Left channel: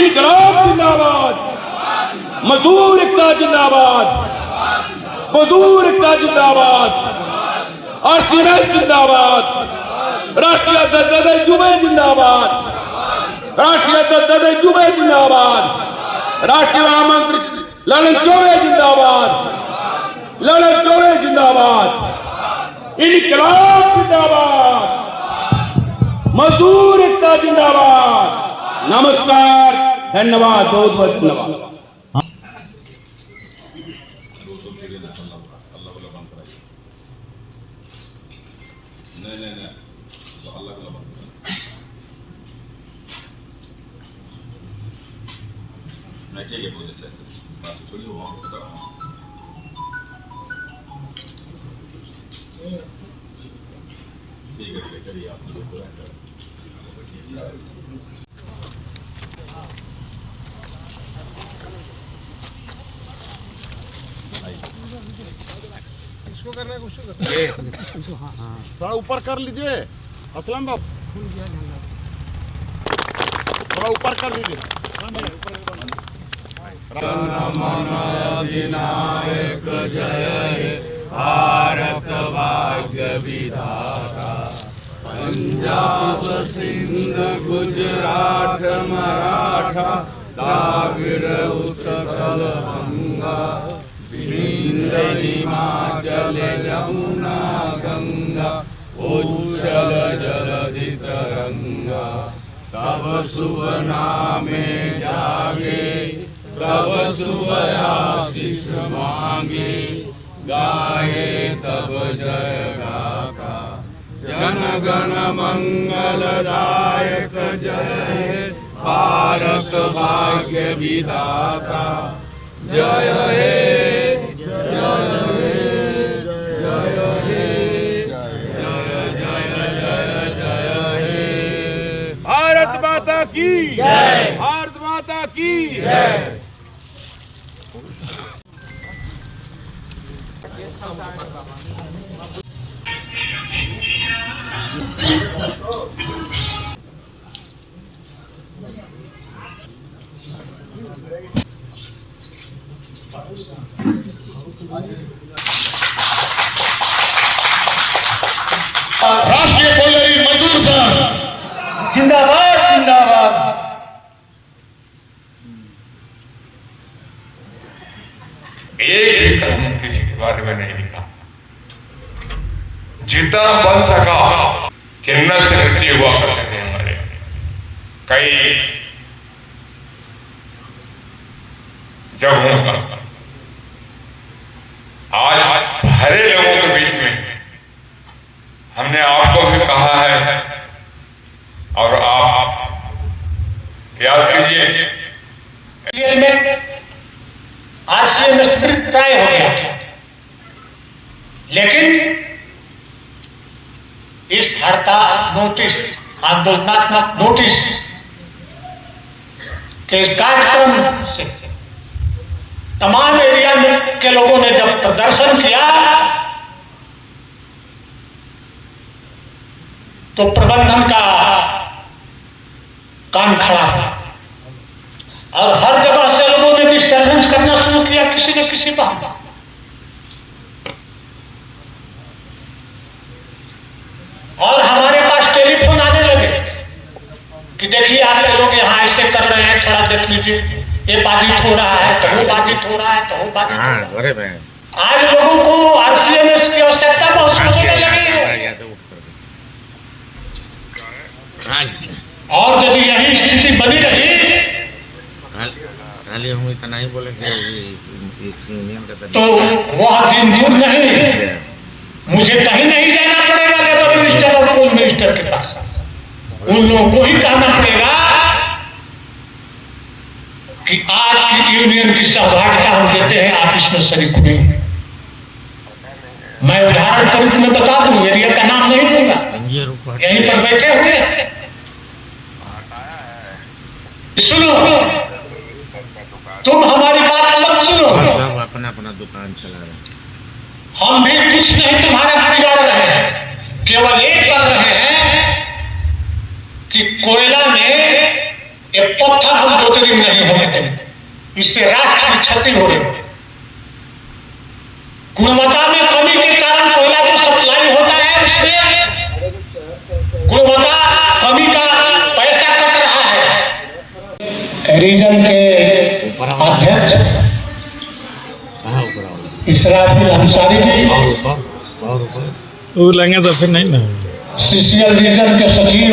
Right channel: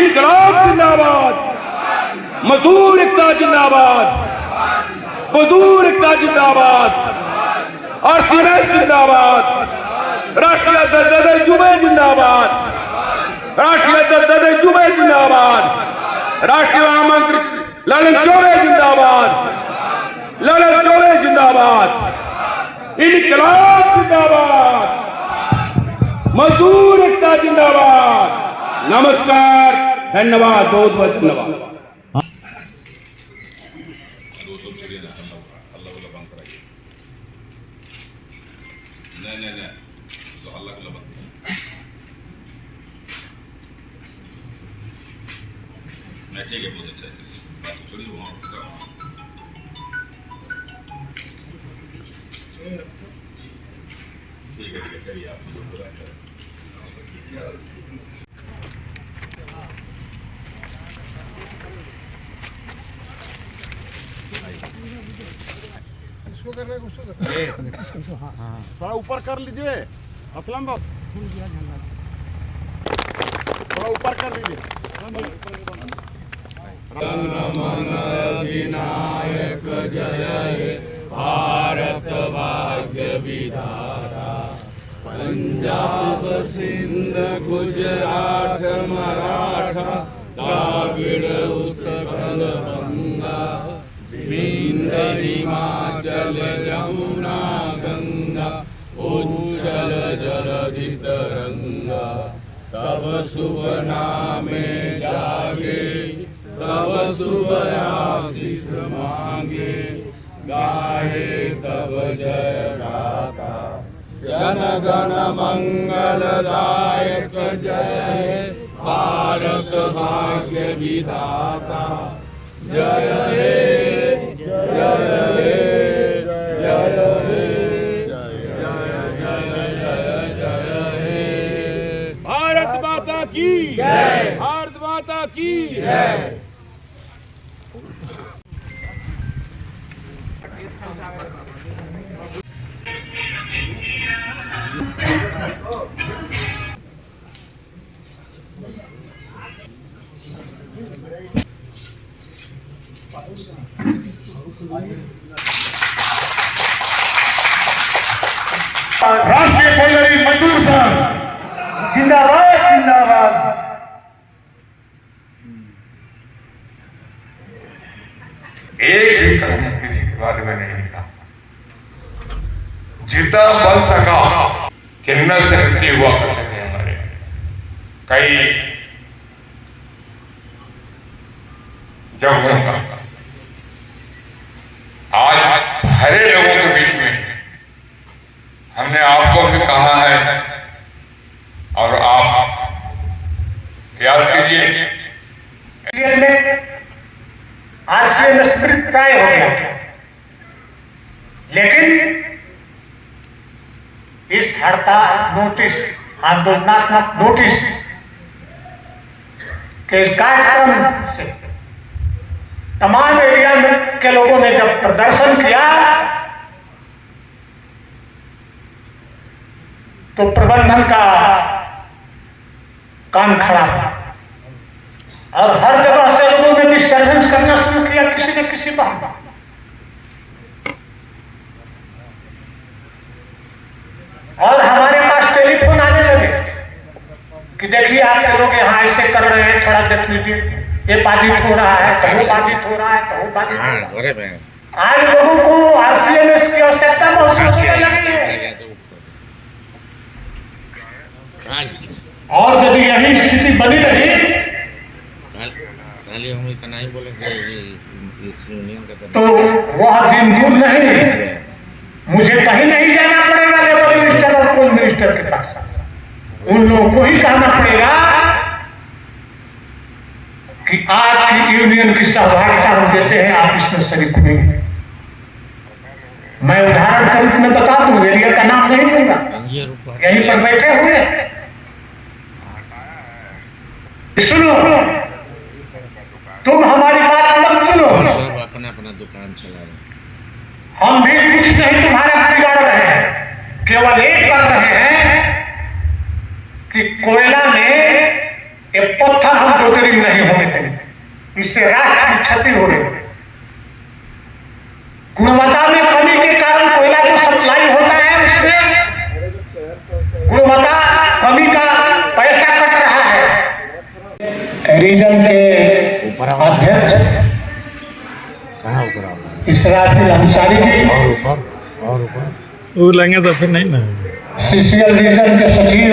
इनकलाब जिंदाबाद, मजदूर एकता जिंदाबाद, मजदूर एकता जिंदाबाद, आरसीएस जिंदाबाद, राष्ट्रीय अध्यक्ष जुबे जिंदाबाद, राष्ट्रीय अध्यक्ष जुबे जिंदाबाद, राष्ट्रीय महामंत्री ललन चौबे जिंदाबाद, ललन चौबे जिंदाबाद, इनकलाब जिंदाबाद, मजदूर एकता जिंदाबाद। नमस्कार, धन्यवाद, बहुत बहुत धन्यवाद। ठीक है, बहुत अच्छा है, बात छोड़िए वहाँ ठीक है करिए आप जो बोला करें। इसको करना है, उसको करना है। थोड़ा ऊपर कर लीजिए असलम बाबू, थोड़ा ऊपर कर लीजिए। अधिनायक जय हे भारत भाग्य विधाता, पंजाब सिंध गुजरात मराठा द्राविड़ उत्कल बंगा, विंध्य हिमाचल यमुना गंगा, उच्छल जलधि तरंगा, तब शुभ नामे जागे, तब शुभ आशीष मांगे, गाये तब जय गाथा, जन गण मंगलदायक जय भारत भाग्य विधाता, जय हे जय हे जय हे जय जय जय जय हे। भारत माता की जय, भारत माता की जय। राष्ट्रीय कोयलरी मजदूर संघ जिंदाबाद, जिंदाबाद। एक भी कदम किसी के बारे में नहीं लिखा, जितना बन सका चिन्ह से सक्रिय हुआ करते थे हमारे कई जगहों पर। आज भरे लोगों के बीच में हमने आपको भी कहा है और आप याद कीजिए, आरसीएम स्प्रिट तय हो गया, लेकिन इस हड़ताल नोटिस, आंदोलनात्मक नोटिस के इस कार्यक्रम से तमाम एरिया में के लोगों ने जब प्रदर्शन किया तो प्रबंधन का कान खड़ा हुआ और हर जगह से लोगों ने डिस्टर्बेंस करना शुरू किया, किसी न किसी बहाने। और हमारे पास टेलीफोन आने लगे कि देखिए आपके लोग यहाँ ऐसे कर रहे हैं, थोड़ा देख लीजिए, ये बाधित हो रहा है, तो वो बाधित हो रहा है, तो वो बाधित हो रहा है। आज लोगों को आरसीएमएस की आवश्यकता महसूस होने लगी है। और यदि यही स्थिति बनी रही तो वह दिन दूर नहीं, मुझे कहीं नहीं जाना पड़ेगा लेबर मिनिस्टर और कोल मिनिस्टर के पास, उन लोगों को ही कहना पड़ेगा कि आज की यूनियन की सहभागिता हम देते हैं, आप इसमें शरीक हुए। मैं उदाहरण के रूप में बता दूं, एरिया का नाम नहीं लूंगा, यहीं पर बैठे हुए सुनो, तुम हमारी बात मत सुनो, अपना अपना दुकान चला रहे हैं, हम भी कुछ नहीं तुम्हारा बिगाड़ रहे हैं, केवल एक कर रहे हैं कि कोयला में ये पत्थर हम ज्योतिर्लिंग नहीं होने देंगे, इससे राष्ट्र की क्षति हो रही है। गुणवत्ता में कमी के कारण कोयला जो सप्लाई होता है उसमें गुणवत्ता कमी का पैसा कट रहा है। रीजन के अध्यक्ष इसराफिल अंसारी जी, वो लेंगे तो फिर नहीं ना। सीसीएल रीजन के सचिव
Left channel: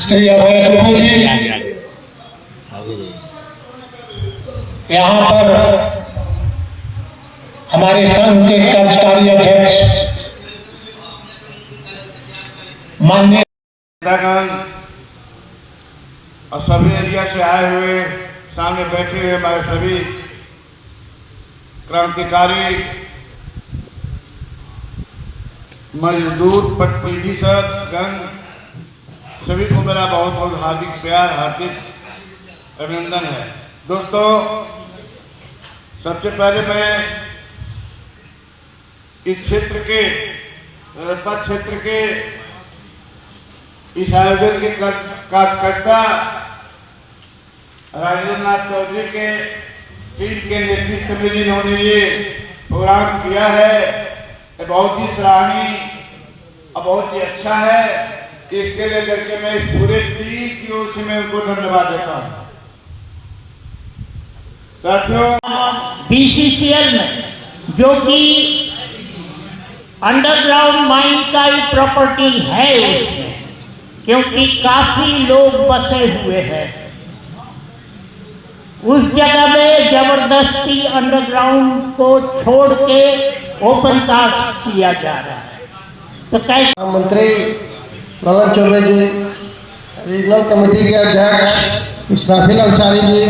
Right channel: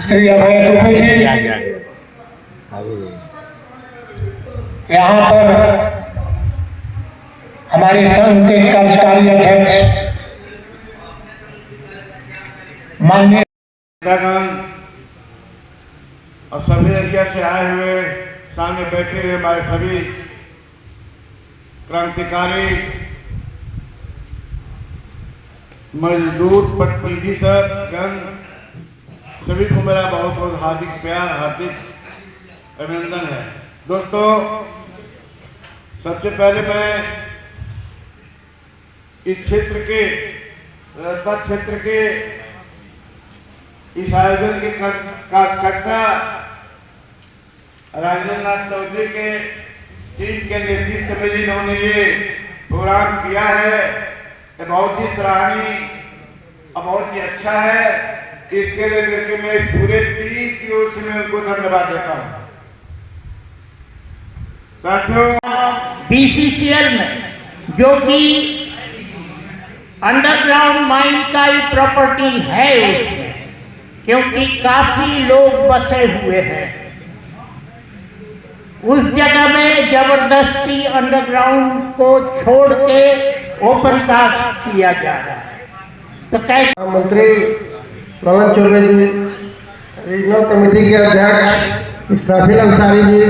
श्री अभय दुबे जी, यहाँ पर हमारे संघ के कार्यकारी अध्यक्ष माननीय और सभी एरिया से आए हुए सामने बैठे हुए हमारे सभी क्रांतिकारी मजदूर प्रतिनिधि गण, सभी को मेरा बहुत बहुत हार्दिक प्यार, हार्दिक अभिनंदन है। दोस्तों, सबसे पहले मैं इस क्षेत्र के रजपत क्षेत्र के इस आयोजन के कर्ता राजेंद्र नाथ चौधरी के टीम के नेतृत्व में जिन्होंने ये प्रोग्राम किया है, ये बहुत ही सराहनीय और बहुत ही अच्छा है। इसके लिए करके मैं इस पूरे टीम की ओर से मैं उनको धन्यवाद देता हूँ। साथियों, बीसीसीएल में जो कि अंडरग्राउंड माइन का ही प्रॉपर्टी है इसमें, क्योंकि काफी लोग बसे हुए हैं, उस जगह में जबरदस्ती अंडरग्राउंड को छोड़ के ओपन कास्ट किया जा रहा है। तो कैसे मंत्री ललन चौबे जी, रीजनल कमेटी के अध्यक्ष इसराफिल अंसारी जी,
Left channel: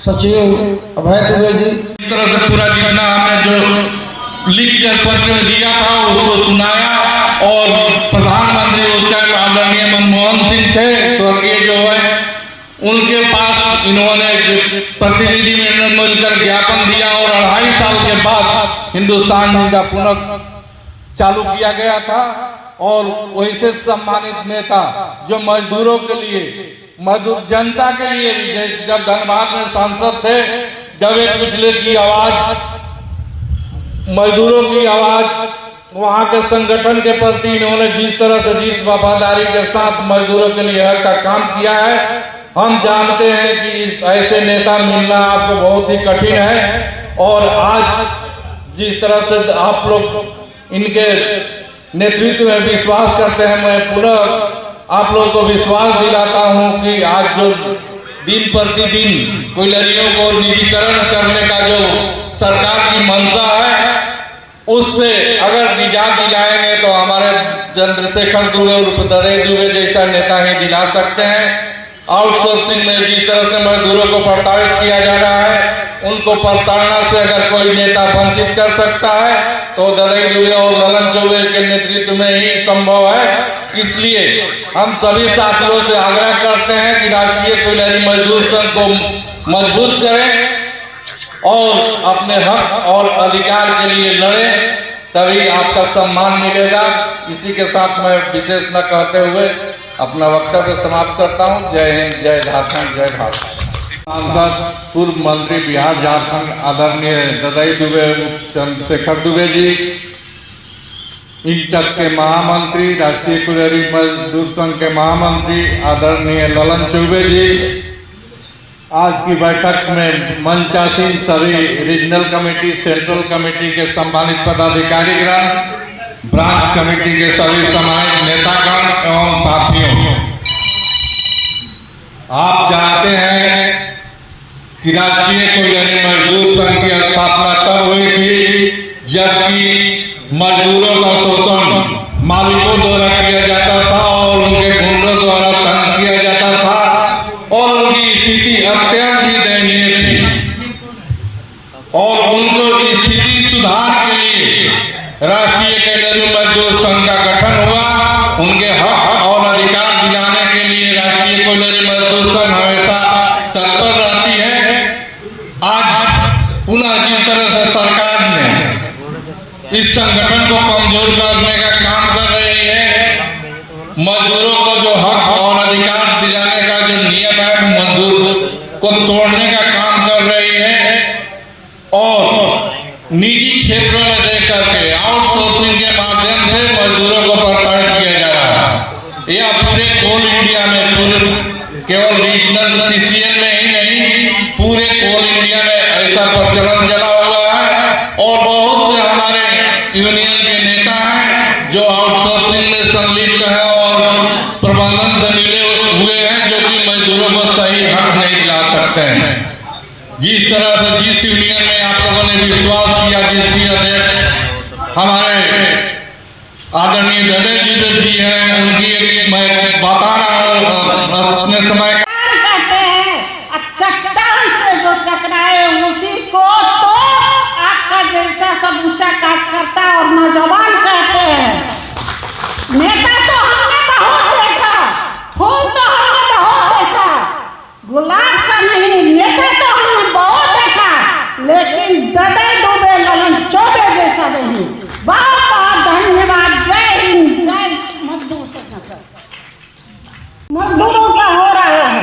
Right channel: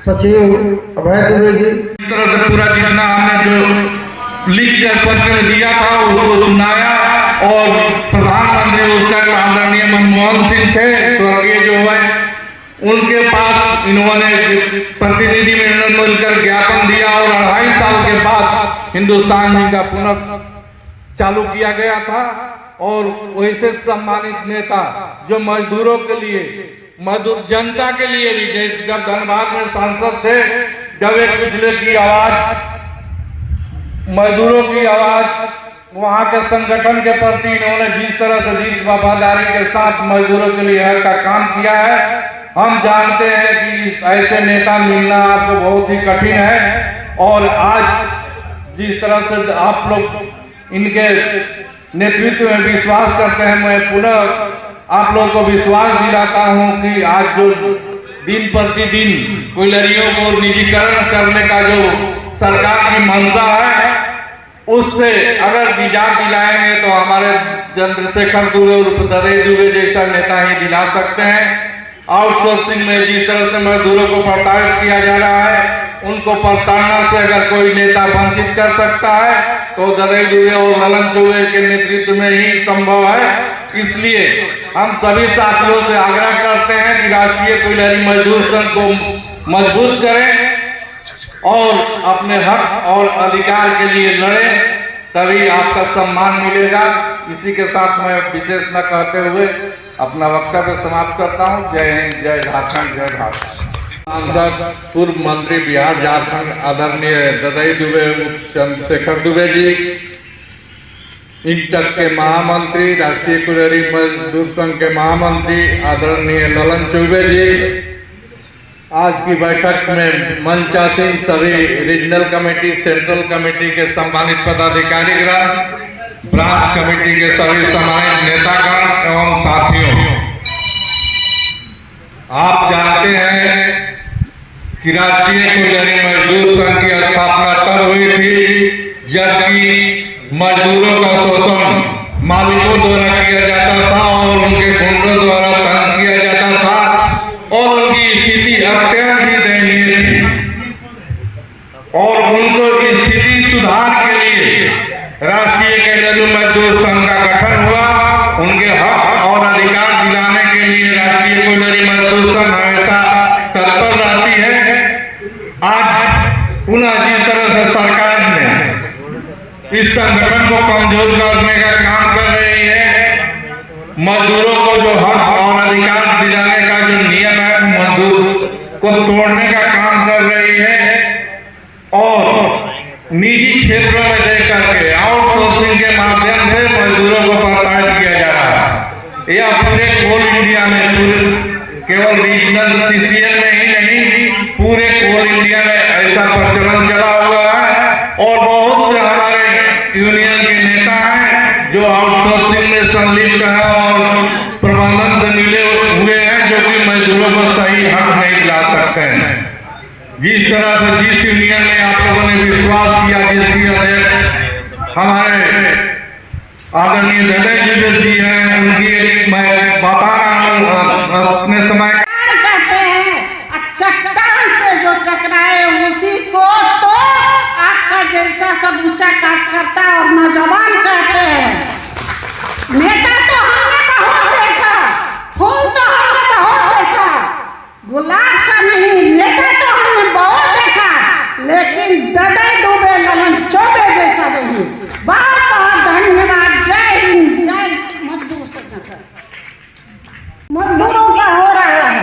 सचिव अभय दुबे जी, इस तरह से पूरा जितना हमने जो लिख कर पत्र दिया था उसको सुनाया और प्रधानमंत्री उसका जो आदरणीय मनमोहन सिंह थे स्वर्गीय जो है, उनके पास इन्होंने प्रतिनिधि में मिलकर ज्ञापन दिया और 2.5 साल के बाद हिंदुस्तान का पुनः चालू किया गया था। और वैसे सम्मानित नेता जो मजदूरों के लिए, मजदूर जनता के लिए भी, जब धनबाद में सांसद थे, जब एक पिछले की आवाज, मजदूरों की आवाज, वहां के संगठन के प्रति इन्होंने जिस तरह से, जिस वफादारी के साथ मजदूरों के लिए हर का काम किया है, हम जानते हैं कि ऐसे नेता मिलना आपको बहुत ही कठिन है। और आज जिस तरह से आप लोग इनके नेतृत्व में विश्वास करते हैं, मैं पुनः आप लोगों को विश्वास दिलाता हूं कि आज जो दिन प्रतिदिन कोयलरियों को निजीकरण करने का जो सरकार की मंशा है, उससे अगर निजात दिलाएंगे तो हमारे चंद्रशेखर दुबे और ददई दुबे जैसा नेता ही दिला सकते हैं। आउटसोर्सिंग में जिस तरह से मजदूरों को प्रताड़ित किया जा रहा है, उनको प्रताड़ना से अगर कोई नेता वंचित कर सकता है तो ददई दुबे और ललन चौबे के नेतृत्व में ही संभव है। इसलिए हम सभी साथियों से आग्रह करते हैं कि राष्ट्रीय कोयलरी मजदूर संघ को मजबूत करें और अपने हक और अधिकार के लिए लड़ें, तभी आपका सम्मान मिलेगा। इसी के साथ मैं विशेष न कहते हुए अपना वक्तव्य समाप्त करता हूँ। जय हिंद, जय झारखंड, जय भारत। सांसद पूर्व मंत्री बिहार झारखंड आदरणीय ददई दुबे, चंद्रशेखर दुबे जी, इंटक के महामंत्री, राष्ट्रीय कोयलरी मजदूर संघ के महामंत्री आदरणीय ललन चौबे जी, आज की बैठक में मंचासीन सभी रीजनल कमेटी, सेंट्रल कमेटी के सम्मानित पदाधिकारीगण, ब्रांच कमेटी के सभी सम्मानित नेतागण एवं साथियों, आप जानते हैं कि राष्ट्रीय कोयलरी मजदूर संघ की स्थापना तब हुई थी जबकि मजदूरों का शोषण मालिकों द्वारा किया जाता था और उनके गुंडों द्वारा तंग किया जाता था और उनकी स्थिति अत्यंत ही दयनीय थी। और उनको स्थिति सुधार के लिए राष्ट्रीय कोयलरी मजदूर संघ का गठन हुआ। उनके हक और अधिकार दिलाने के लिए राष्ट्रीय कोयलरी मजदूर संघ हमेशा तत्पर रहती है। आज पुनः जिस तरह से सरकार ने इस संगठन को कमजोर करने का काम कर रही है, मजदूरों को जो हक और अधिकार जो आउटसोर्सिंग में संलिप्त है और प्रबंधन से मिले हुए हैं, जो कि मजदूरों को सही हक नहीं दिला सकते हैं। जिस तरह से जिस यूनियन में आप लोगों ने विश्वास किया, जिसकी अध्यक्ष हमारे आदरणीय दयानंद जी हैं, उनकी मैं बता रहा हूँ अपने समय कहते हैं चट्टान से जो टकराए उसी को तो आपका जैसा सब ऊंचा काट करता है और नौजवान कहते हैं। नेता तो हमने बहुत देखा, फूल तो हमने बहुत देखा, गुलाब सा नहीं, नेता तो हमने बहुत देखा, लेकिन ददई दुबे ललन चौबे जैसा नहीं। बहुत बहुत धन्यवाद। जय हिंद, जय मजदूर संगठन। मजदूरों का हो रहा है,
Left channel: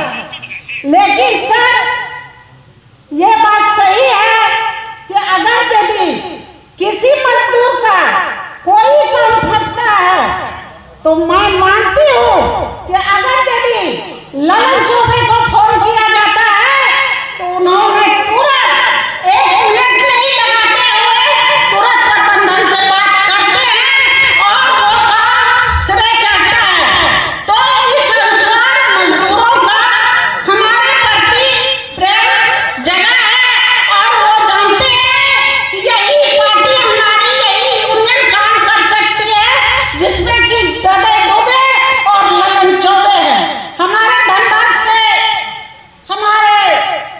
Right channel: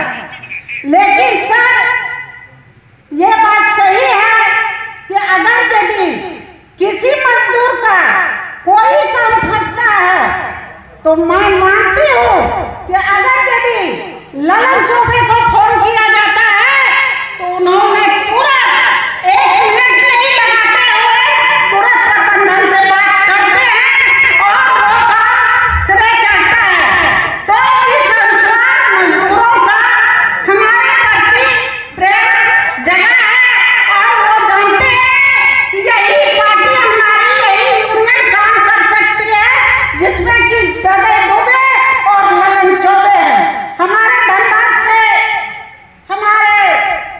लेकिन सर ये बात सही है कि अगर यदि किसी मजदूर का कोई काम फंसता है तो मैं मानती हूँ कि अगर यदि ललन चौबे को फोन किया जाता है तो उन्होंने तुरंत 1 मिनट नहीं लगाते हुए तुरंत प्रबंधन से बात करते हैं और वो काम श्रेय चढ़ता है। तो इस अनुसार मजदूरों का हमारे प्रति प्रेम जगा है और वो जानते हैं कि यही पार्टी हमारी, यही यूनियन काम कर सकती है, जिसमें कि दबे दुबे और ललन चौबे हैं। हमारे धनबाद से हमारे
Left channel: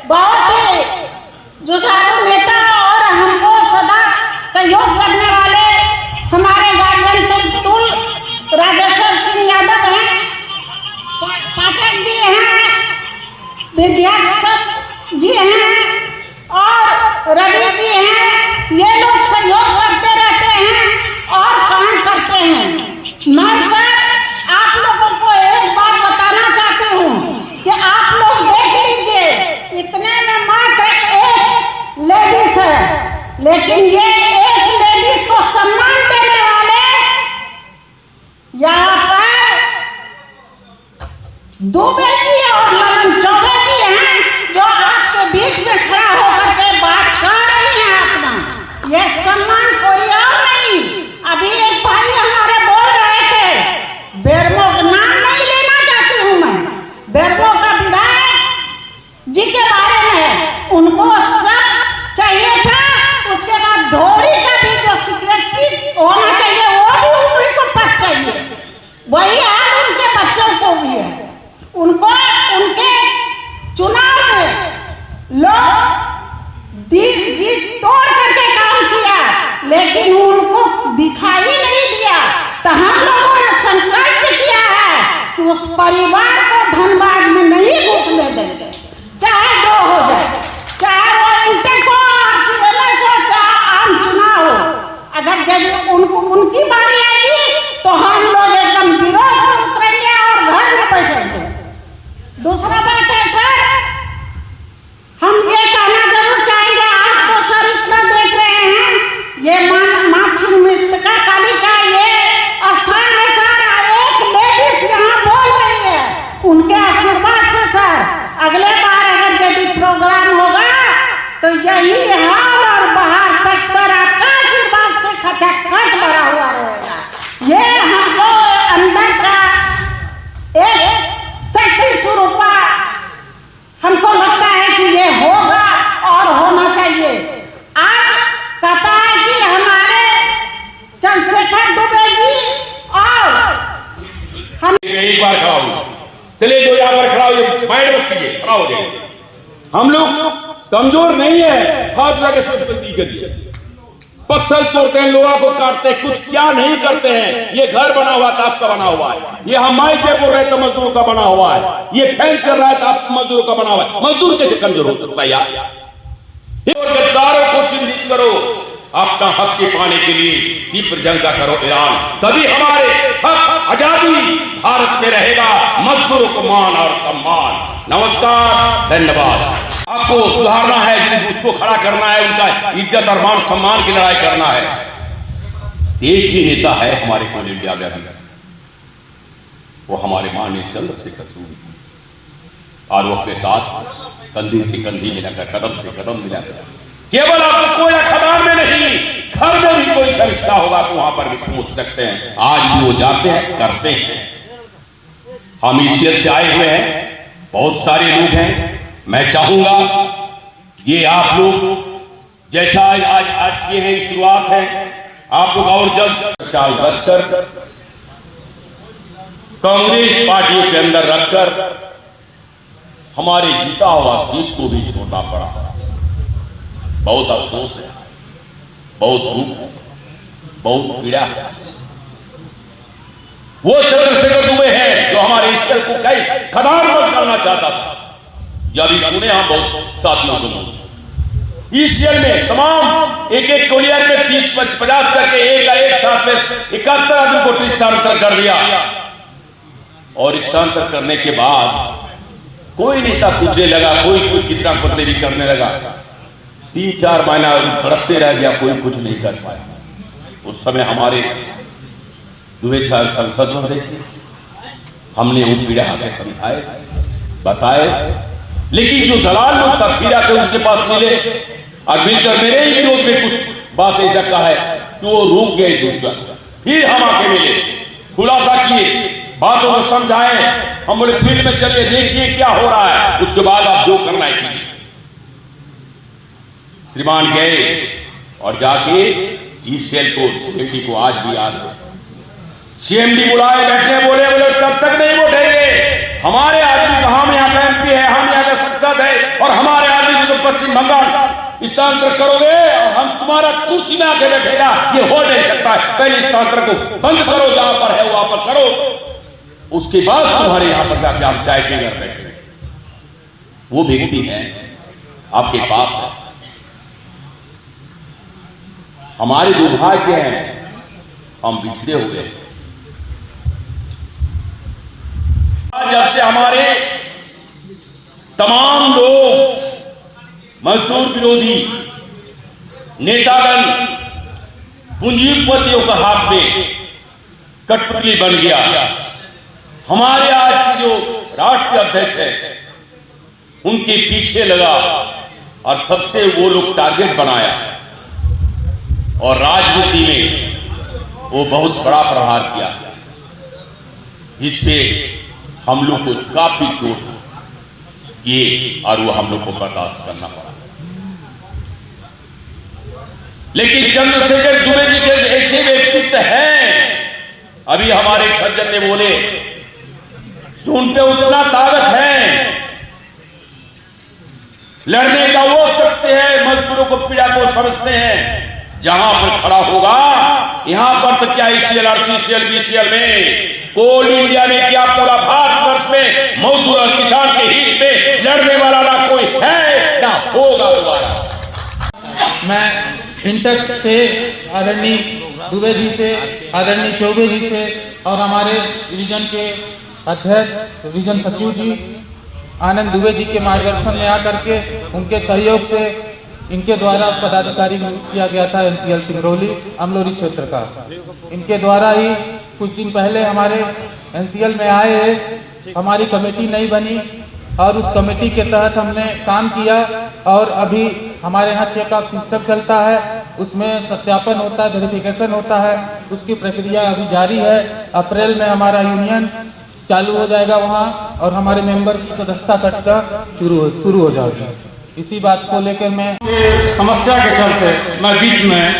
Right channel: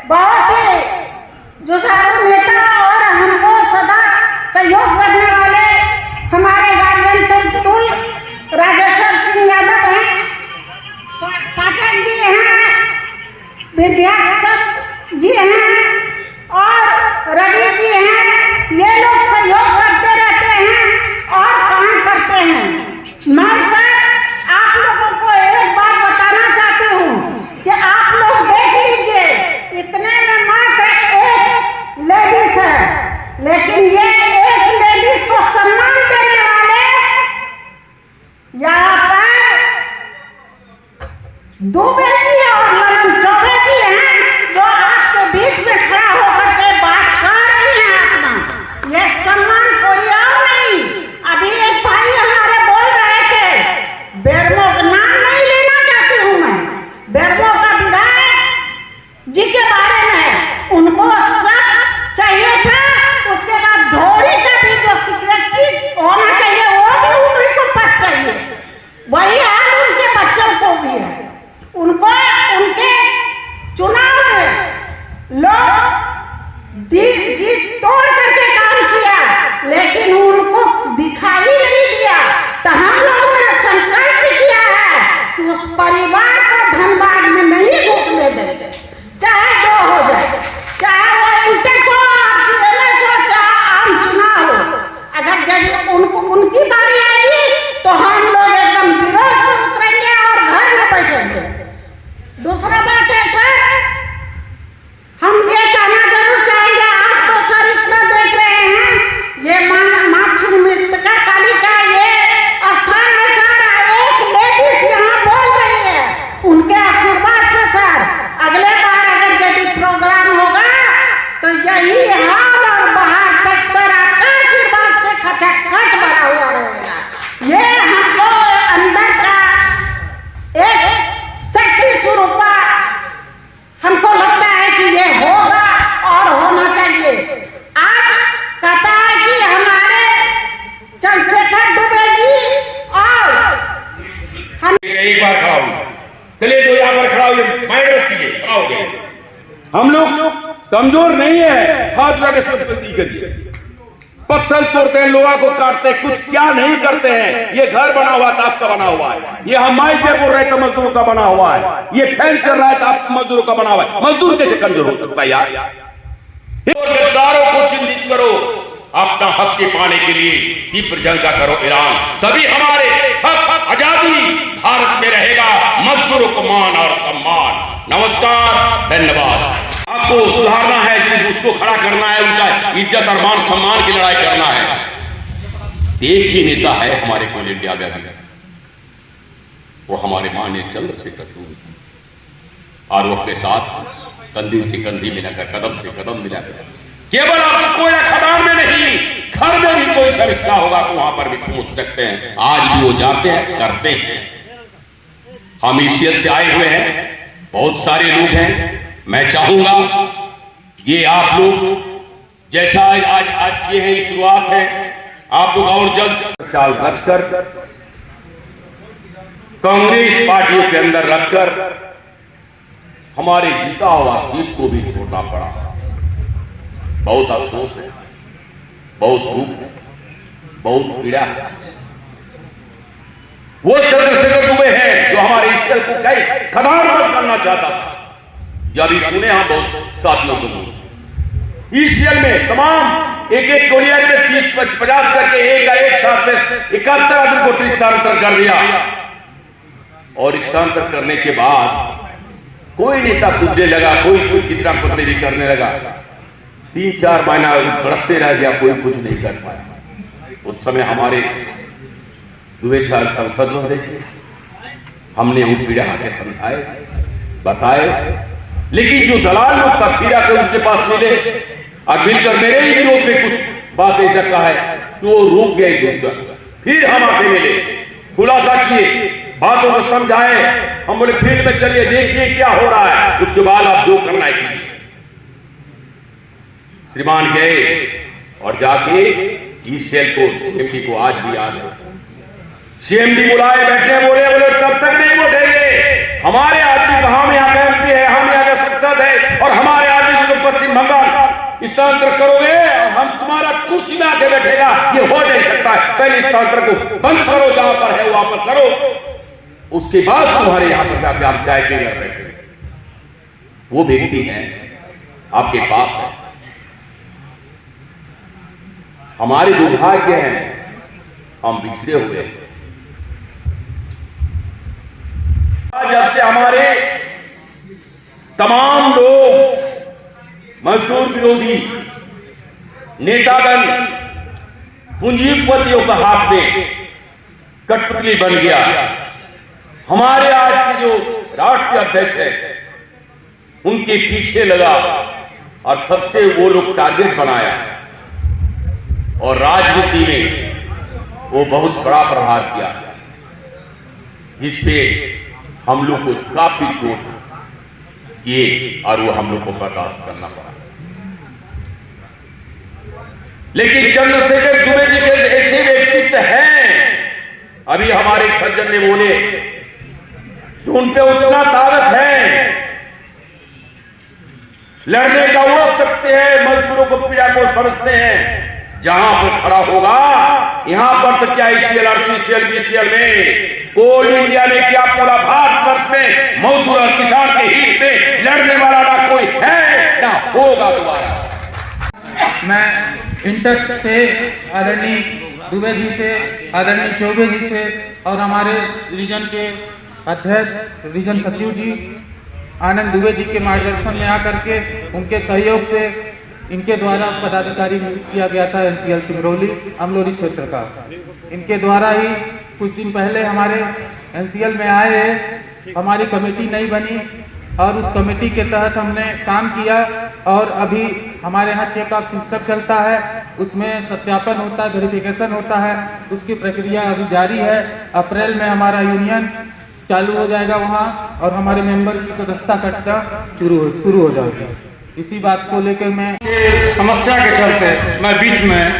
बहुत ही जुझारू नेता और हमको सदा सहयोग करने वाले हमारे गार्जियन तुल राजेश्वर सिंह यादव हैं, पाठक जी हैं, विद्यासत जी हैं और रवि जी हैं। ये लोग सहयोग करते रहते हैं और काम करते हैं। मैं सर आप लोगों को एक बात बताना चाहती हूँ कि आप लोग देख लीजिए, इतने में मात्र एक लेडीज है, लेकिन ये एक लेडीज को सम्मान देने वाले यहाँ पर दुबे जी और ललन चौबे जी हैं, जो आपके बीच में खड़ा होकर के बात कर रही हैं। अपना ये सम्मान कोई और नहीं। अभी एक भाई हमारे बोल रहे थे, बेरमो का नाम नहीं लेना चाहती हूँ मैं, बेरमो का विधायक जी के बारे में उनको सब चाहिए था। उसके बाद धोरी का भी जो सेक्रेटरी होना चाहिए वो भी उन्हीं को पद चाहिए, वही हाल उनके बच्चों को भी है। उनको उनके चुनाव में लोग जीत तोड़ करके काम किया, लेकिन उनको दिखाई नहीं दिया। तो हम लोगों ने संकल्प किया है कि उस परिवार को धनबाद में नहीं घुसने देंगे, चाहे जो हो जाए, चाहे वो इंटेको RCMS हो, चाहे आम चुनाव हो। अगर यदि उनकी बारी आएगी तो हम लोग एकदम विरोध में उतरेंगे और घर में बैठेंगे। दूसरा बात है सर, हम ये कहना जरूर चाहेंगे, आज तो सर इतना देख रहे हैं, ये माँ छिन्नमस्तिका काली का ये स्थान है सर, एक लेडीज यहाँ बोल रही है, उनके आशीर्वाद से सर अगले बार अगर यदि प्रोग्राम होगा तो यही हाल और बाहर तक सर आपका आशीर्वाद से खचाखच भरा हुआ रहेगा। ये हम लोग अंदर का एक शक्ति स्वरूप हमको लगता है कि ये होगा और होना चाहिए। आज कहता है कि हमारे चंद्रशेखर दुबे जी और हम एक बार खड़ा हूँ, चलिए जो यहाँ पर खड़ा हो माइंड रखिए, खड़ा हो जाइए। हम लोग कमजोर नहीं है, हाथ लगा के सब गलती करिए, पत्थर तोड़ते हैं, लोहा को काटते हैं, कुछ क्या नहीं करते हैं। ये घर बना हुआ था आपका बना हुआ है, ये हम माइक पे बोल रहे थे मजदूरों का बना हुआ है, ये फैन चल रहा है तो आप मजदूरों का बना हुआ है। मजदूर कैसे कमजोर हो सकता है यार? गद्दारों को चिन्हित करो, अपना हक के पाने के लिए तीव्र जंग का करो ऐलान, तभी हमारे हक आजादी भारत में रहेगा, मजदूरों को मान और सम्मान। नमस्कार, धन्यवाद। आपको सुधारना है, उसको खड़ा करना है, उनका इज्जत और मान सम्मान की लड़ाई करना है। एक ही नेता है हमारे कोल इंडिया में अभी, वो हमारे माननीय चंद्रशेखर दुबे और उसके साथ कंधी से कंधी मिलाकर, कदम से कदम मिलाकर, केवल आपको कोई अखबार में नहीं घर में भी कोई समस्या होगा तो वहां पर भी पहुंच सकते हैं। आज भी वो जाते हैं, करते हैं। हम ईसीएल से आए हुए हैं, बहुत सारे लोग हैं। मैं चाहूंगा ये आप लोग जैसा आज किए हैं, शुरुआत है, आप लोग और जल्द चाल रचकर कांग्रेस पार्टियों के अंदर रखकर हमारे जीता हुआ सीट को भी छोड़ना पड़ा। बहुत अफसोस है, बहुत दुख है, बहुत पीड़ा है। वो चंद्रशेखर दुबे हैं जो हमारे ईश्वर को कई खदान में करना चाहता था। यह भी सुने हम बहुत साथियों को मुझे ईसीएल में तमाम एक टोलिया में 30-50 करके एक साथ में 71 आदमी को स्थानांतर कर दिया। और स्थानांतर करने के बाद कोई नेता कूदने लगा, कोई कितना बदले भी करने लगा। 3-4 महीना तड़पते रह गया, कोई कुछ नहीं कर पाया। उस समय हमारे दुबे साहब संसद में रहे थे, हमने वो पीड़ा आके समझाए, बताए। लेकिन जो दलाल लोग तब फिर आकर उनके पास मिले और मिलकर मेरे ही विरोध में कुछ बात ऐसा कहा है कि वो रुक गए। फिर हम आके मिले, खुलासा किए, बातों को समझाए। हम बोले फील्ड में चलिए, देखिए क्या हो रहा है, उसके बाद आप जो करना है कीजिए। श्रीमान गए और जाके ईसीएल को, सीएमडी को आज भी याद है, सीएमडी बुलाए, बैठे, बोले तब तक नहीं उठेंगे। हमारे आदमी हम यहाँ का एमपी है, हम यहाँ का सांसद है, और हमारे आदमी जो पश्चिम बंगाल स्थानांतर करोगे और हम तुम्हारा कुर्सी में आके बैठेगा, ये हो नहीं सकता। पहले स्थानांतर को बंद करो, जहां पर है वहां पर करो, उसके बाद तुम्हारे यहां पर जाके हम चाय पीने बैठेंगे। वो व्यक्ति है आपके पास है। हमारे दुर्भाग्य हैं, हम बिछड़े हुए। जब से हमारे तमाम लोग मजदूर विरोधी नेतागण पूंजीपतियों का हाथ में कठपुतली बन गया। हमारे आज के जो राष्ट्रीय अध्यक्ष है उनके पीछे लगा और सबसे वो लोग टारगेट बनाया और राजनीति में वो बहुत बड़ा प्रहार किया। इससे हम लोग को काफी चोट किए और वो हम लोग को बर्दाश्त करना पड़ा। लेकिन चंद्रशेखर दुबे जी के ऐसे व्यक्तित्व हैं, अभी हमारे सज्जन ने बोले, तो उन पे उतना ताकत है, लड़ने का वो सकते हैं, मजदूरों को पीड़ा को समझते हैं। जहां पर खड़ा होगा, यहां पर तो क्या ईसीएल, आरसीसीएल, बीसीएल में, कोल इंडिया में क्या पूरा भारतवर्ष में मजदूर और किसान के हित में लड़ने वाला ना कोई है ना होगा दोबारा। मैं इंटर से आदरणीय दुबे जी से, आदरणीय चौबे जी से और हमारे रीजन के अध्यक्ष, रीजन सचिव जी आनंद दुबे जी के मार्गदर्शन में आकर के उनके सहयोग से इनके द्वारा पदाधिकारी नियुक्त किया गया था एनसीएल सिंगरौली अमलोरी क्षेत्र का। इनके द्वारा ही कुछ दिन पहले हमारे एनसीएल में आए, हमारी कमेटी नहीं बनी और उस कमेटी के तहत हमने काम किया और अभी हमारे यहाँ चेकअप सिस्टम चलता है, उसमें सत्यापन होता है, वेरिफिकेशन होता है, उसकी प्रक्रिया अभी जारी है। अप्रैल में हमारा यूनियन चालू हो जाएगा वहाँ और हमारे मेंबर की सदस्यता कटना शुरू हो जाएगी। इसी बात को लेकर मैं समस्या के चलते मैं बीच में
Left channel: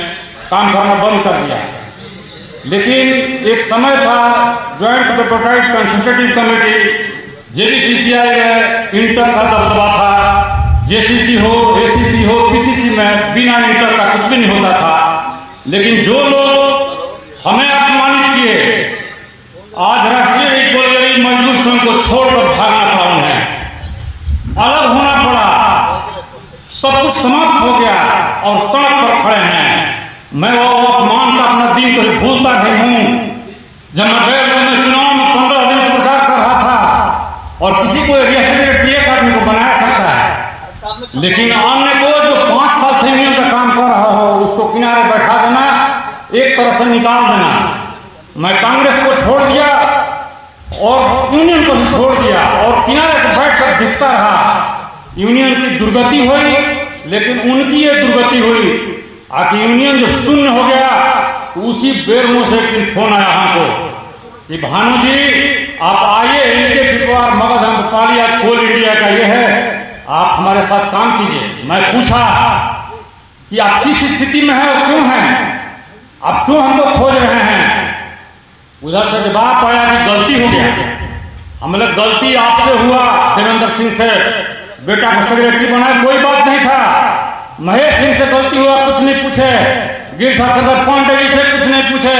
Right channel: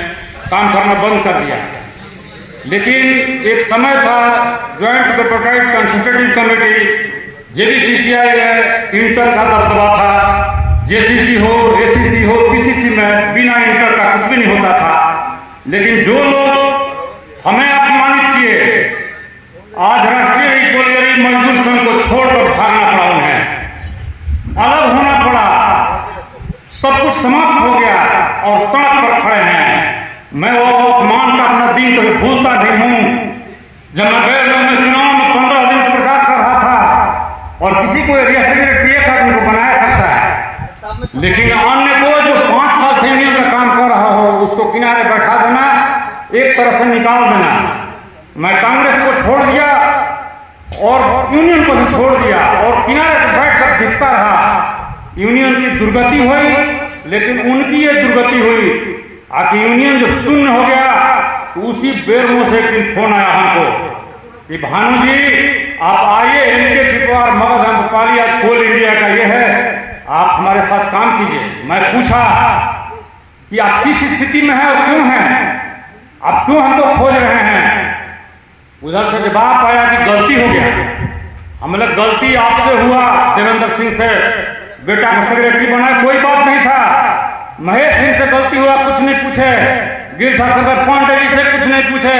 काम करना बंद कर दिया। लेकिन एक समय था joint deputed consultative committee JBCCI में इंटर का दबदबा था, जेसीसी हो, एसीसी हो, पीसीसी में बिना इंटर का कुछ भी नहीं होता था। लेकिन जो लोग हमें अपमानित किए, आज राष्ट्रीय मजदूर संघ को छोड़कर भागना पड़ा, उन्हें अलग होना पड़ा, सब कुछ समाप्त हो गया और सड़क पर खड़े हैं। मैं वो अपमान का अपना दिन कभी भूलता नहीं हूँ। जब मैं चुनाव में 15 दिन से प्रचार कर रहा था और किसी को आदमी को बनाया सकता है, लेकिन अन्य को जो 5 साल से यूनियन का काम कर रहा हो उसको किनारे बैठा देना, एक तरह से निकाल देना। मैं कांग्रेस को छोड़ दिया और यूनियन को भी छोड़ दिया और किनारे से बैठकर दिखता रहा। यूनियन की दुर्गति हुई, लेकिन उनकी ये दुर्गति हुई आखिर यूनियन जो शून्य हो गया तो उसी बेरों से एक दिन फोन आया हमको कि भानु जी आप आइए, इनके व्यापार मगध पाली आज कोल इंडिया का ये है, आप हमारे साथ काम कीजिए। मैं पूछा कि आप किस स्थिति में हैं और क्यों हैं, आप क्यों हम लोग खोज रहे हैं। उधर से जवाब आया कि गलती हो गया। हम लोग गलती आपसे हुआ, देवेंद्र सिंह से बेटा का सेक्रेटरी बना, कोई बात नहीं था। महेश सिंह से गलती हुआ, कुछ नहीं पूछे। गिरिशंकर पांडे जी से कुछ नहीं पूछे।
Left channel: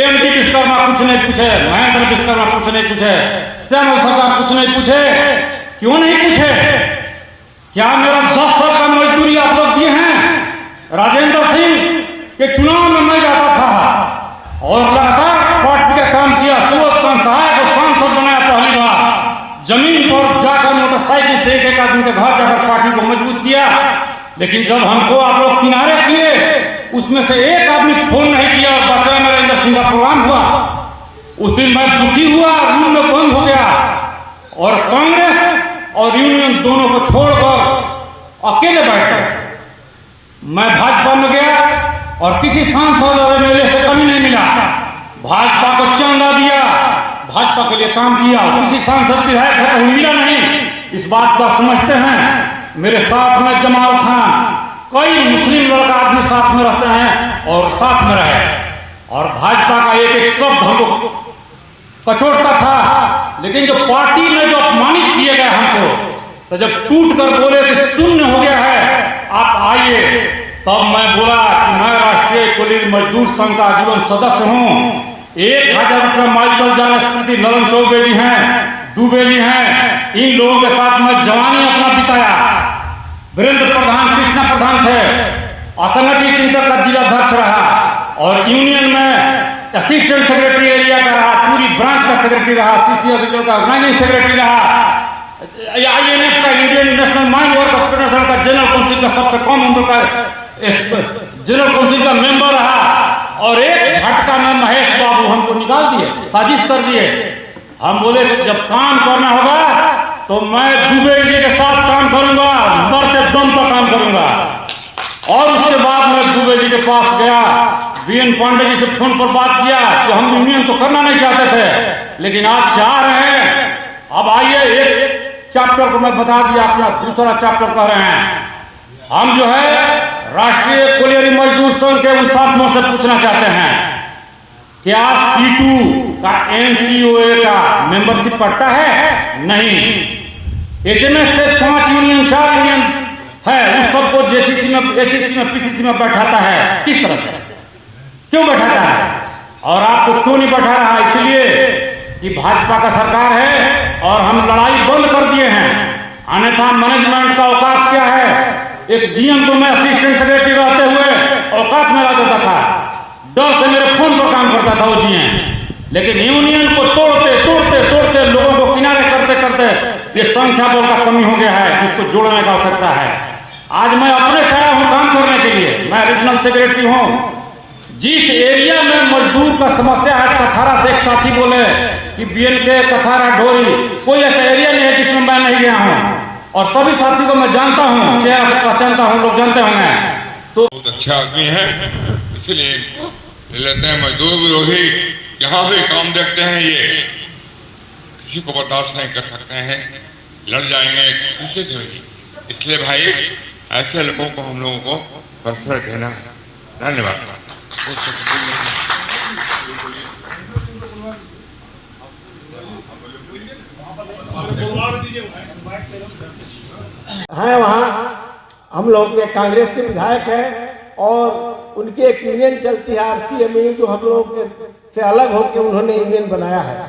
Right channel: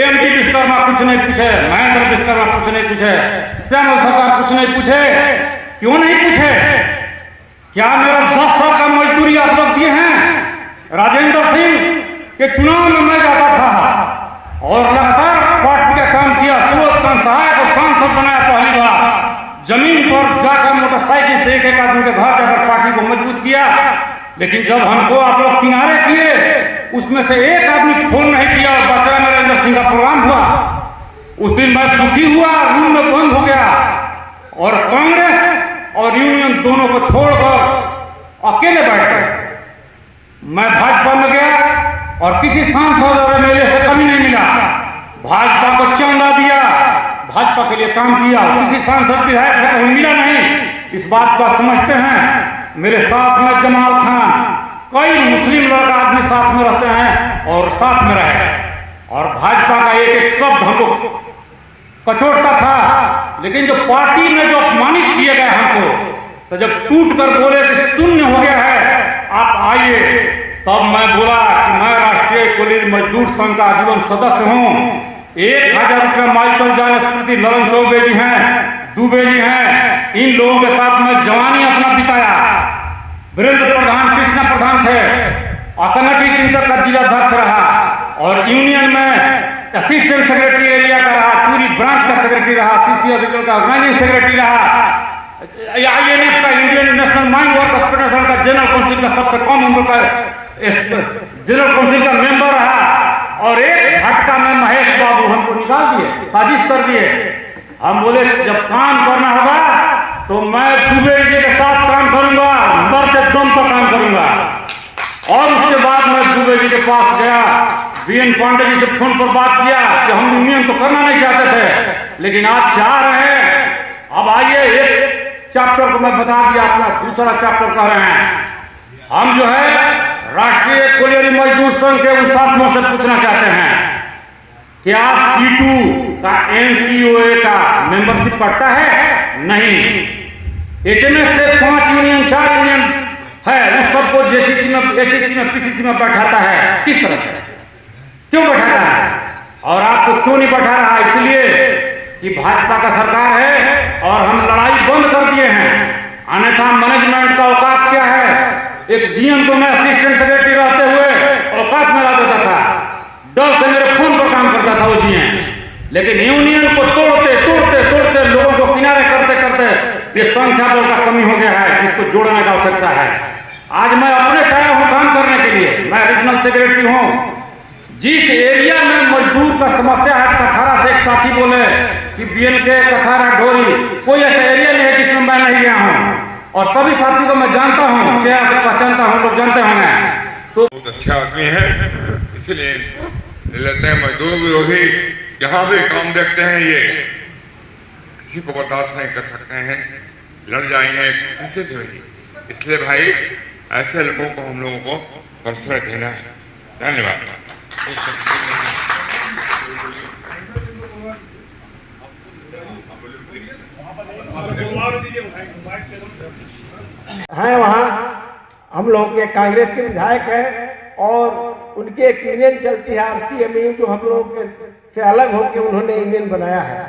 एमटी विश्वकर्मा कुछ नहीं पूछे। महेंद्र विश्वकर्मा कुछ नहीं पूछे। श्यामल सरकार कुछ नहीं पूछे। क्यों नहीं पूछे? क्या मेरा 10 साल का मजदूरी आप लोग दिए हैं? राजेंद्र सिंह के चुनाव में मैं जाता था और लगातार पार्टी का काम किया। सूरत का सहायक सांसद बनाया पहली बार। जमीन पर जाकर मोटरसाइकिल से एक आदमी के घर जाकर पार्टी को मजबूत किया। लेकिन जब हमको आप लोग किनारे किए, उसमें से एक आदमी फोन नहीं किया और बचा नरेंद्र सिंह का प्रोग्राम हुआ। उस दिन मैं दुखी हुआ, रूम में बंद हो गया और कांग्रेस और यूनियन दोनों को छोड़कर अकेले बैठ गए। मैं भाजपा में गया और किसी सांसद और एमएलए से कमी नहीं मिला। भाजपा को चंदा दिया, भाजपा के लिए काम किया, किसी सांसद विधायक से कहीं मिला नहीं। इस बात को समझते हैं। मेरे साथ में जमाल खान, कई मुस्लिम लोग आदमी साथ में रहते हैं और साथ में रहे, और भाजपा का एक एक शब्द हमको कचोटता था। लेकिन जो पार्टी में जो अपमानित किए गए हमको, तो जब टूट कर बोले कि शून्य हो गया है, आप आइए, तब मैं बोला कि मैं राष्ट्रीय कुलीन मजदूर संघ का आजीवन सदस्य हूँ। 1000 रुपया माइकल जान स्मृति नरेंद्र चौबे जी हैं, दुबे जी हैं, इन लोगों के साथ मैं जवानी अपना बिताया। वीरेंद्र प्रधान, कृष्णा प्रधान थे, असंगठित इंटर का जिला अध्यक्ष रहा और यूनियन में असिस्टेंट सेक्रेटरी एरिया का रहा, चूरी ब्रांच का सेक्रेटरी रहा, सीसी ऑफिसर का ऑर्गेनाइजिंग सेक्रेटरी रहा, आईएनएफ का Indian national mine workers federation का जनरल काउंसिल का सबसे कम नंबर का जनरल काउंसिल का मेंबर रहा। और एक झटका में महेश बाबू हमको निकाल दिए, साजिश कर दिए। हम बोले जब काम करना होगा तो मैं दुबे जी के साथ काम करूंगा, मरते दम पर काम करूंगा। और उसके बाद मैं दुबे जी के पास गया, बीएन पांडे जी से फोन पर बात किया कि हम यूनियन तो करना नहीं चाहते थे, लेकिन आप चाह रहे हैं, अब आइए एक चैप्टर को मैं बता दिया, अपना दूसरा चैप्टर कर रहे हैं। हम जो है राष्ट्रीय कोलियरी मजदूर संघ के उन साथियों से पूछना चाहते हैं, क्या C2 का NCOA का मेंबरशिप करता है? नहीं। HMS से 5 यूनियन 4 यूनियन है, उस सबको JCC में, ACC में, PCC में बैठाता है। किस तरह से, क्यों बैठाता है? और आपको क्यों नहीं बैठा रहा? इसलिए कि भाजपा का सरकार है और हम लड़ाई बंद कर दिए हैं। अन्यथा मैनेजमेंट का औकात क्या है? एक जीएम को मैं असिस्टेंट सेक्रेटरी रहते हुए औकात में ला देता था, डर से मेरे फोन पर काम करता था वो जीएम। लेकिन यूनियन को तोड़ते तोड़ते तोड़ते, लोगों को किनारे करते करते ये संख्या बल का कमी हो गया है, जिसको जोड़ने का आवश्यकता है। आज मैं अपने से आया हूं काम करने के लिए, मैं रीजनल सेक्रेटरी हूं। जिस एरिया में मजदूर का समस्या है, कथारा से एक साथी बोले कि बीएनके कथारा ढोरी, कोई ऐसा एरिया नहीं है जिसमें मैं नहीं गया हूं, और सभी साथी को मैं जानता हूं, चेहरा से पहचानता हूं, लोग जानते होंगे। तो बहुत अच्छा आदमी है, इसलिए लेते हैं। मजदूर विरोधी जहाँ भी काम देखते हैं, ये किसी को बर्दाश्त नहीं कर सकते हैं, लड़ जाएंगे किसी से भी। इसलिए भाई ऐसे लोगों को हम लोगों को प्रश्रय देना है। धन्यवाद। है वहाँ हम लोग के कांग्रेस के विधायक हैं और उनकी एक यूनियन चलती है RCME, जो हम लोग से अलग होकर उन्होंने यूनियन बनाया है।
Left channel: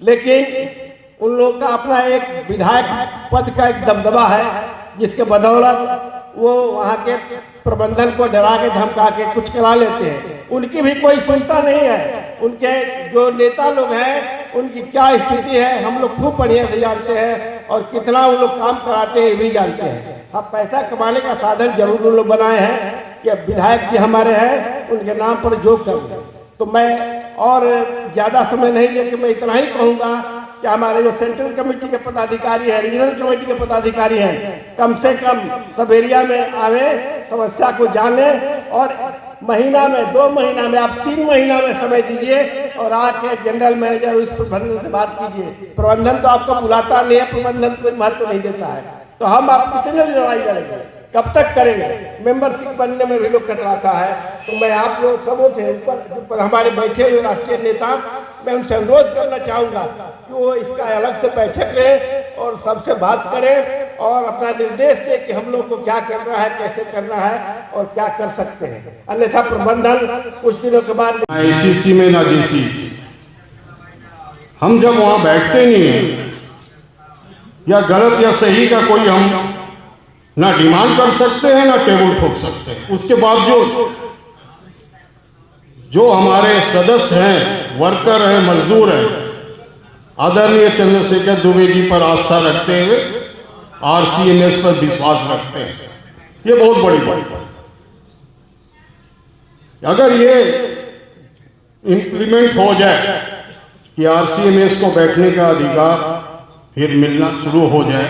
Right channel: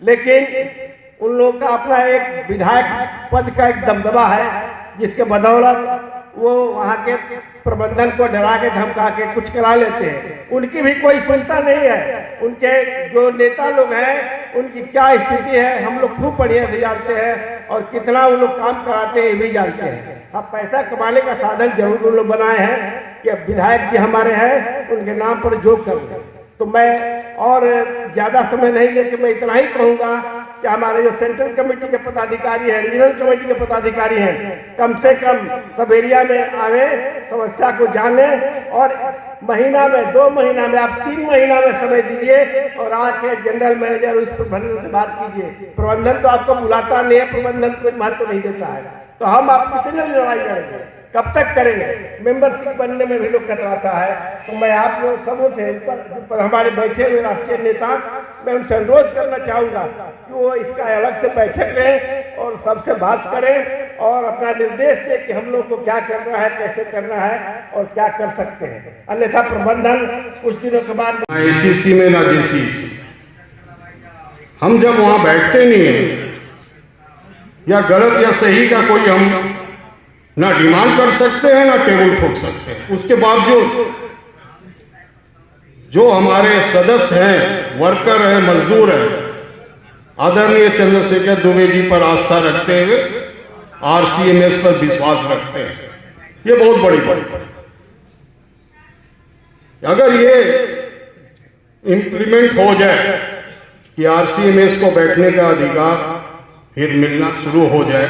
लेकिन उन लोग का अपना एक विधायक पद का एक दबदबा है, जिसके बदौलत वो वहाँ के प्रबंधन को डरा के धमका के कुछ करा लेते हैं। उनकी भी कोई चिंता नहीं है। उनके जो नेता लोग हैं उनकी क्या स्थिति है हम लोग खूब बढ़िया से जानते हैं, और कितना वो लोग काम कराते हैं ये भी जानते हैं। अब पैसा कमाने का साधन जरूर उन लोग बनाए हैं कि अब विधायक जी हमारे हैं, उनके नाम पर जोग कर दो। तो मैं और ज़्यादा समय नहीं लेके मैं इतना ही कहूँगा कि हमारे जो सेंट्रल कमेटी के पदाधिकारी हैं, रीजनल कमेटी के पदाधिकारी हैं, कम से कम सब एरिया में आवे, समस्या को जाने और महीना में 2 महीना में आप 3 महीना में समय दीजिए और आके जनरल मैनेजर उस प्रबंधन से बात कीजिए। प्रबंधन तो आपको बुलाता नहीं है, प्रबंधन कोई महत्व नहीं देता है, तो हम आप कितने लड़ाई करेंगे, कब तक करेंगे? मेंबरशिप बनने में भी लोग कतराता है। तो मैं आप लोग सबों से ऊपर हमारे बैठे हुए राष्ट्रीय नेता, मैं उनसे अनुरोध करना चाहूँगा कि वो इसका अलग से बैठक लें और सबसे बात करें और अपना निर्देश दें कि हम लोग को क्या करना है, कैसे करना है और क्या कर सकते हैं। अन्यथा प्रबंधन कुछ दिनों के बाद ICC में ना JCC, हम जब वहाँ बैठते नहीं है या गलत या सही का कोई हम ना डिमांड कर सकते हैं ना टेबल ठोक सकते हैं। उसके बावजूद जो हमारे सदस्य हैं, वर्कर हैं, मजदूर हैं, आदरणीय चंद्रशेखर दुबे जी पर आस्था रखते हुए RCMS पर विश्वास रखते हैं, ये बहुत बड़ी बात है। अगर ये इम्प्लीमेंट हो जाए कि RCMS को बैठने का अधिकार फिर मिलना शुरू हो जाए,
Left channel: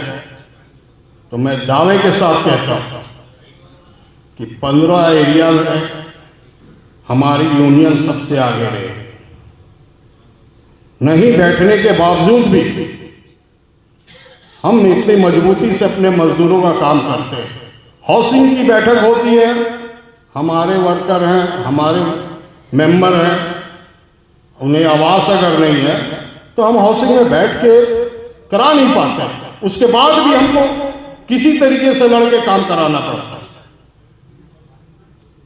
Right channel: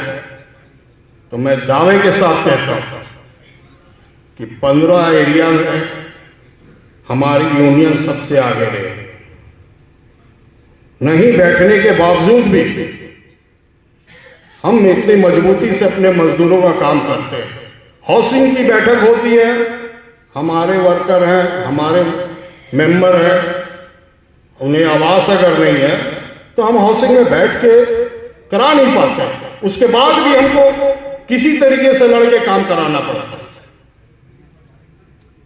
तो मैं दावे के साथ कहता हूं कि 15 एरिया में हमारी यूनियन सबसे आगे रहेगी। नहीं बैठने के बावजूद भी हम इतनी मजबूती से अपने मजदूरों का काम करते हैं। हाउसिंग की बैठक होती है, हमारे वर्कर हैं, हमारे मेंबर हैं, उन्हें आवास अगर नहीं है तो हम हाउसिंग में बैठ के करा नहीं पाते, उसके बाद भी हमको किसी तरीके से लड़के काम कराना पड़ता है।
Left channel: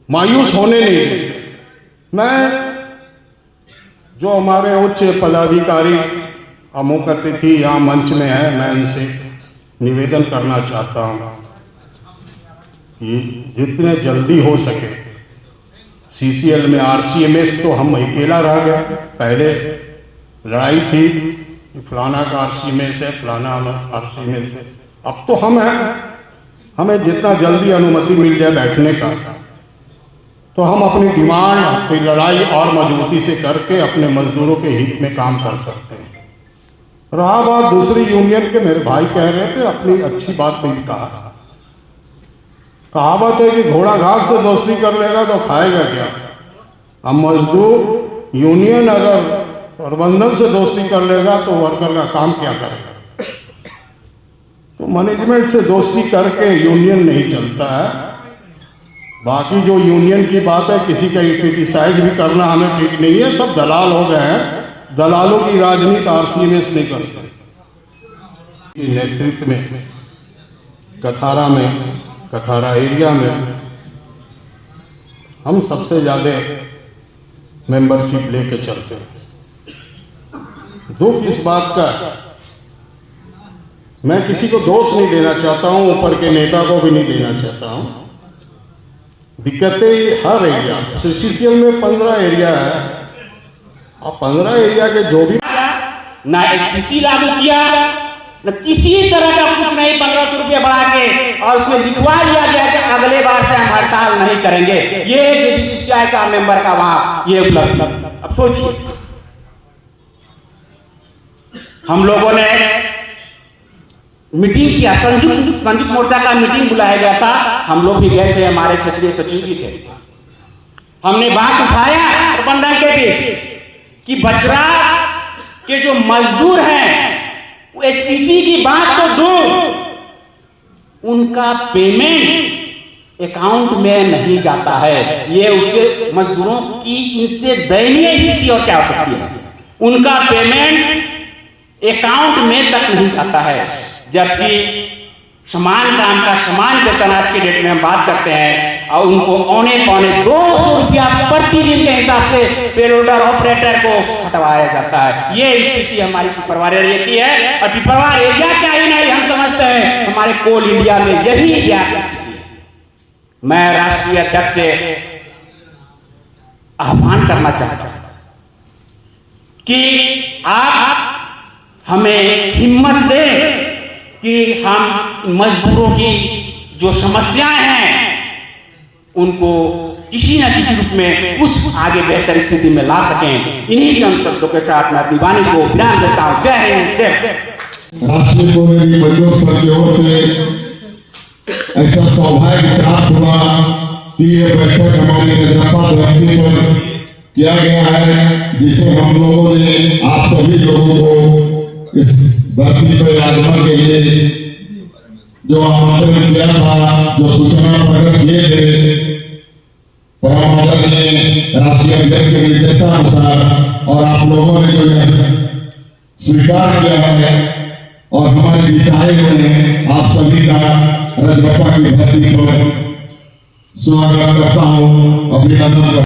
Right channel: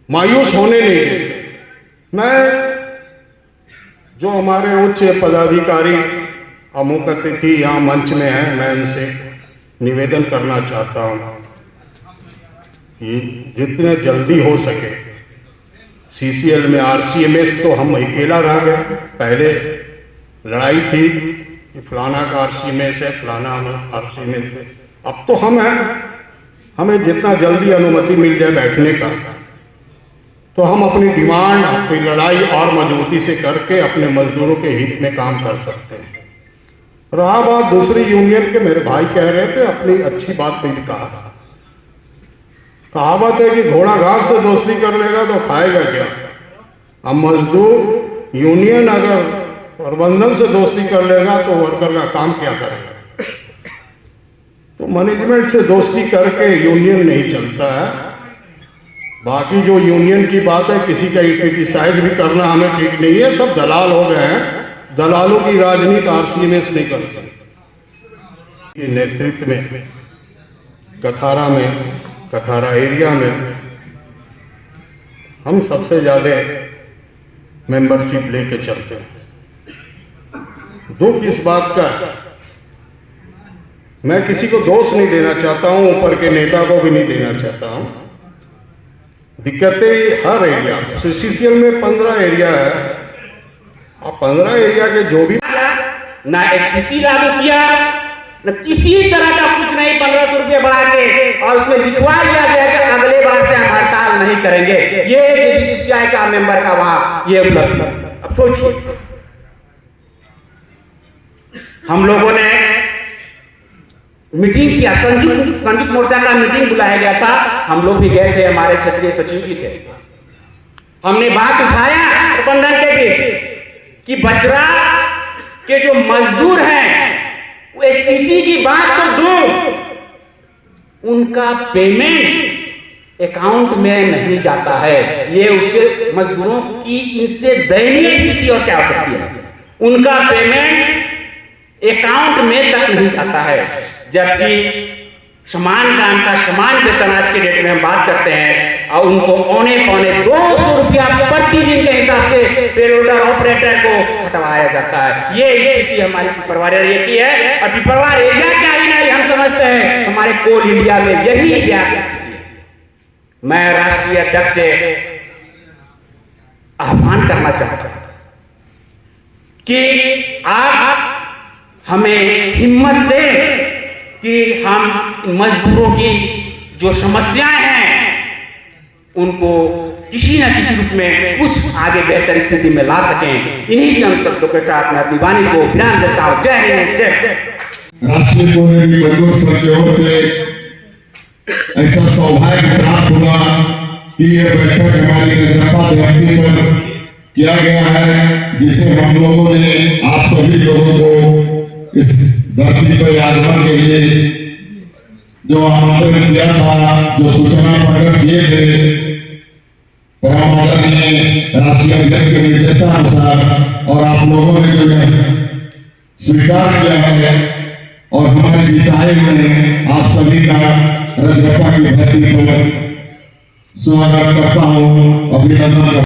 मायूस होने नहीं देते। मैं जो हमारे उच्च पदाधिकारी अमुक अतिथि यहाँ मंच में है, मैं उनसे निवेदन करना चाहता हूँ कि जितने जल्दी हो सके CCL में RCMS तो हम अकेला रह गए। पहले लड़ाई थी कि फलाना का RCMS है, फलाना RCMS है, अब तो हम हैं। हमें जितना जल्दी अनुमति मिल जाए बैठने का, तो हम अपनी डिमांड, अपनी लड़ाई और मजबूती से करके अपने मजदूरों के हित में काम कर सकते हैं। रहा बात दूसरी यूनियन के, मेरे भाई कह रहे थे, अपनी अच्छी बात भी कहा। कहावत है कि घोड़ा घास से दोस्ती कर लेगा तो खाएगा क्या। अब मजदूर यूनियन अगर प्रबंधन से दोस्ती कर लेगा तो वर्कर का काम क्या करेगा। तो मैनेजमेंट से दोस्ती करके यूनियन नहीं चलता है। बाकी जो यूनियन की बात है, किसी का क्रिटिसाइज भी करना हमें ठीक नहीं है। सब दलाल हो गए हैं, दलालों की राजनीति RCMS नहीं करते। ये नेतृत्व में कथारा एरिया में हम सबसे ज़्यादा मेंबरशिप लेके चलते हैं। दुख इस बात का, मैं किसी को दोष नहीं देना चाहता हूं, ऊपर के नेता को भी नहीं देना चाहता हूं। दिक्कतें हर एरिया, CCL में 15 एरिया है और 15 एरिया के जो भी ना किसी लागू किया, न किसी तरह का कुछ नहीं। 1500 रुपया बढ़ा के और उसमें लिखवा दिया गया कि अगले बार से हम हड़ताल नहीं करेंगे। ये JBCCI का मेंबर का वहां ये उपलब्धि। अब सोचिए, हम लोगों ने मीटिंग किया, संयुक्त मोर्चा का मीटिंग बुलाया गया था, हम लोग भी गए थे, हमारे क्षेत्रीय सचिव भी थे। हमने बात उठाया प्रबंधन के भी कि बजरा के जो मजदूर हैं, HPC की बात तो दूर, उनका पेमेंट अकाउंट में नहीं जाता है। ये उससे मजदूरों की इनसे दयनीय स्थिति और क्या हो सकती है। उनका पेमेंट अकाउंट में तक नहीं जाता है, जबकि समान काम का समान वेतन आज के डेट में हम बात करते हैं और उनको औने पौने 200 रुपया प्रति दिन के हिसाब से पेरोलर ऑपरेटर को हटवाया जाता है। ये स्थिति हमारी पिपरवार एरिया की है। और पिपरवार एरिया का ही नहीं, हम समझते हैं हमारे कोल इंडिया में यही क्या है। मैं राष्ट्रीय अध्यक्ष से आह्वान करना चाहता हूं कि आप हमें हिम्मत दें कि हम मजदूरों की जो समस्याएं हैं उनको किसी न किसी रूप में उस आगे बेहतर स्थिति में ला सकें। इन्हीं चंद शब्दों के साथ मैं अपनी वाणी को विराम देता हूँ। जय हिंद, जय। राष्ट्रीय कोऑर्डिनेटिंग मजदूर संघ की ओर से ऐसा सौभाग्य प्राप्त हुआ कि यह बैठक हमारी रजरप्पा धरती पर किया गया है, जिसे हम लोगों ने आप सभी लोगों को इस धरती पर आगमन के लिए जो आमंत्रण किया था, जो सूचना प्रकट किए थे परम आदरणीय राष्ट्रीय अध्यक्ष के निर्देशानुसार, और आप लोगों ने जो स्वीकार किया है और हमारे विधायक ने आप सभी का रजरप्पा की धरती पर स्वागत करता हूँ, अभिनंदन।